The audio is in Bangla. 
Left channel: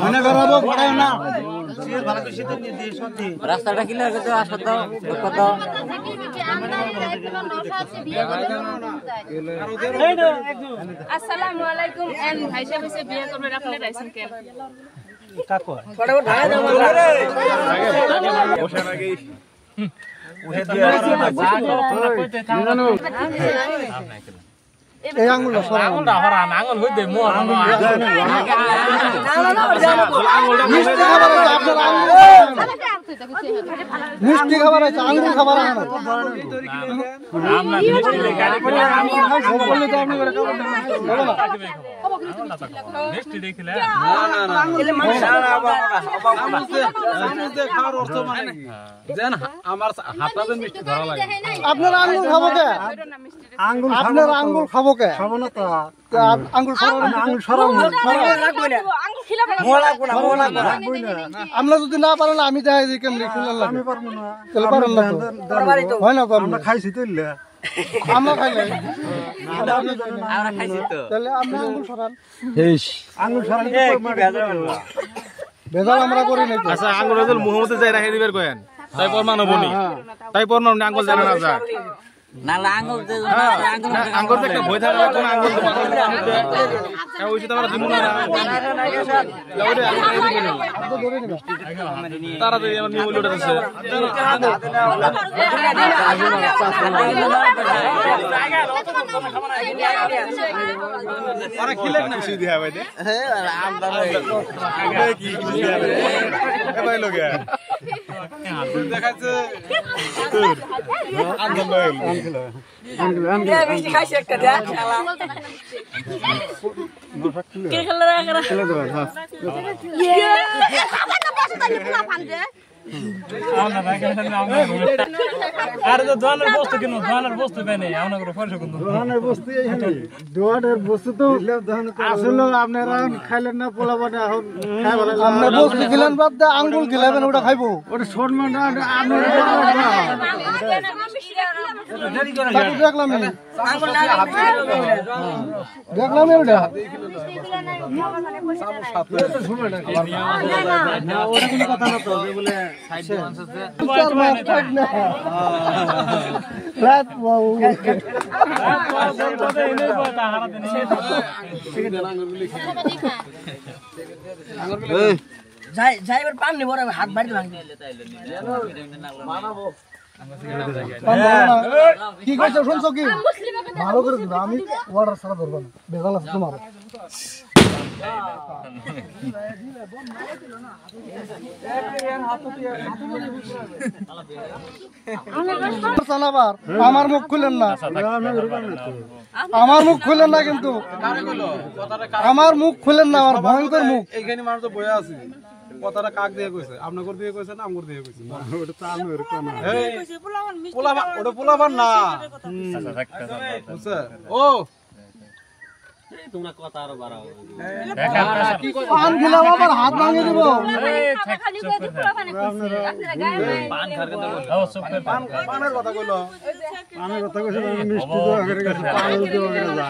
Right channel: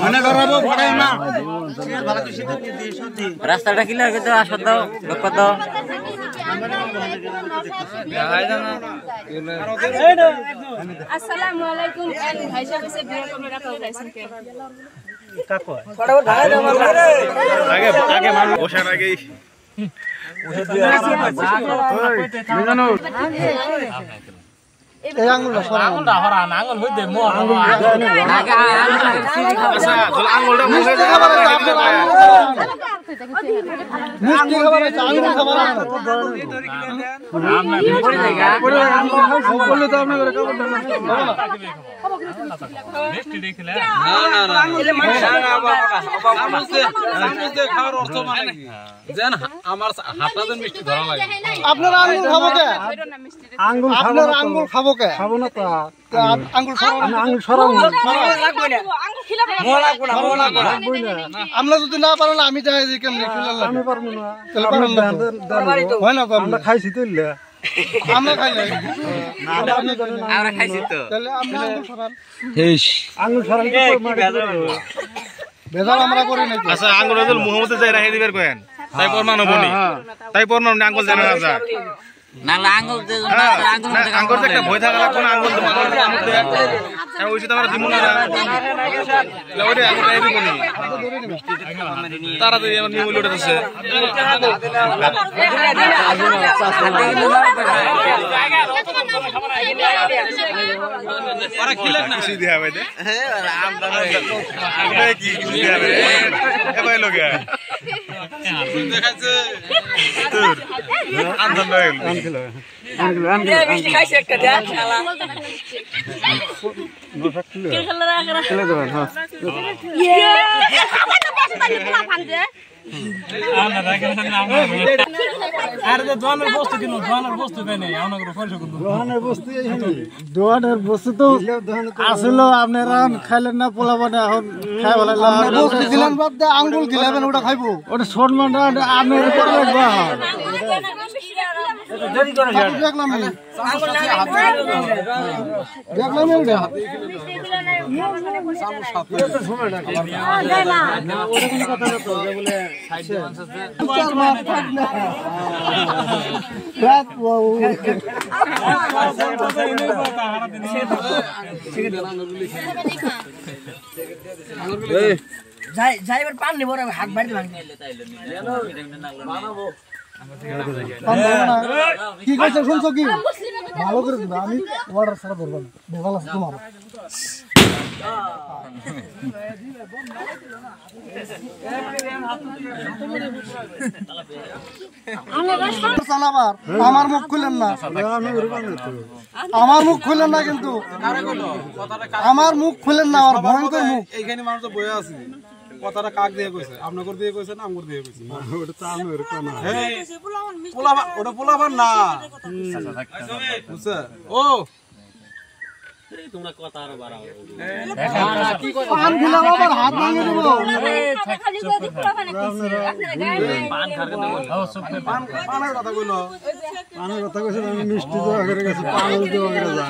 মনে করাবো পড়ায় না রাস্তাটা কি লাগে তো আসো তো কত আসসালামু আলাইকুম এন ভাই সাহেব এসে বিয়ে করবে আপনি রাইছেন কেন কাকু ফটাফট ঢাকায় দাও আগে আগে বসার আগেই ওষুধ দিয়ে যা করো তোমরা কইতে থাকো না এই আঙ্গুলটা সরা আঙ্গুলটা হরা আঙ্গুল হইতে মো আঙ্গুল আচ্ছা আঙ্গুলটা মুখে খাবার আছে আপনার মিষ্টি খাবার আছে আঙ্গুল খাবার আছে আমরা মিষ্টি লাগা আঙ্গুল খাই সব বললে তো আপনি করে খাবার দাও না মিষ্টি দেখিলা না না না এলে মানে না বাবা না সামনে খাওয়ার অর্থ মানে জান আমার হাতটা মিষ্টি ধরা লাগে আপনার আঙ্গুল খাবো কে আঙ্গুল আপনার আঙ্গুল খাবো কে খাবো না তো আঙ্গুল সরাও আঙ্গুল সরাও লাগবে না আঙ্গুল খিলাবে মো লাগবে না মো লাগবে না আমরা যদি না পারো না আমি যাই যে কেমনে খিলাল লাগে আমি পারবো না তাহলে পারল না তো হয় না তো আমরা খাইছি তো আমরা খাই নাই আমরা খাইছি তো তাহলে আমরা আঙ্গুল সরান হেশ আঙ্গুল সরান কি বেজাল আমরা করি নাই আচ্ছা আঙ্গুল রজল মুহাম্মদ যাই রাখে দিবের কয়েন তাই পরমাণু বনি তাই পরমাণু আঙ্গুল জানা না যা নালা আঙ্গুল দে আঙ্গুল তো একটা ভয় থাকা লাগবে না আঙ্গুল তো আঙ্গুল দে আর ওইটা তো আমরা দিমু না না ওইটা আঙ্গুল এই দিব নি তারা তো আমার নিমুল উঠতেছে আরে কিছু দিয়া ভাই দে হ্যাঁ কি দিয়া ভাই এ ভাই লোকে দেখাচ্ছে তোর আন্দন হয়ে গেল দে মিষ্টি খাইছে একটা দে শালা কে খেলা রাখা খেলা দাও হ্যাঁ ইয়ে খাবার তো বসে তাই পোলা ফান দে আমরা রাখেন না আমরা আরে তো দোয়ানের বস্তু কিনো দোয়ানের বস্তু পাই নাই আমরা করে ফেলছো কিন্তু দোয়ানের বস্তু এইখানে দোয়ানের বস্তু তো আসলে আপনারা খাইলেন না পোলা বানা এখন খাই বলা আমরা বস্তু দিলেন বাদ দে আঙ্গুল গিলাবেন ওটা খাইবো ওটা শর্টমান আপনি দেখলাম দেখলাম ওটা যাইবার পান নিব হাত বাড়ি ভাঙ কি কইছো শুনছো কি ভালো করে দিবা আমি অর্ডার ছাড়া ধরব না বেজাল আছে তোমার আমার মুখ খুলেন না আমার মুখ খুলেন না কিন্তু আমার মুখ খুলেন না আমার ভয়ঙ্কর মুখ এইখানে মানুষ তো বইয়া আছে কথাটা কাক দিয়ে কইছে আপনার দিয়ে কইছে না আমগর দিয়ে কইছে ওটা তো আমি এর কোন এই পোলাবান ওটা পোলাবান না বুঝছে ও এই তোমরা কথা আর বাড়াও পান দিলাম আবার হাত ভাঙে দেব এই খালি কত পোলাবানে কইছে আপনারা গায়ে পান খারকে দাও চুপ করে পানের কথা কইলো পানের কথা কইছে মিষ্টি দেওয়া করে গেছে পান দেওয়া করে যা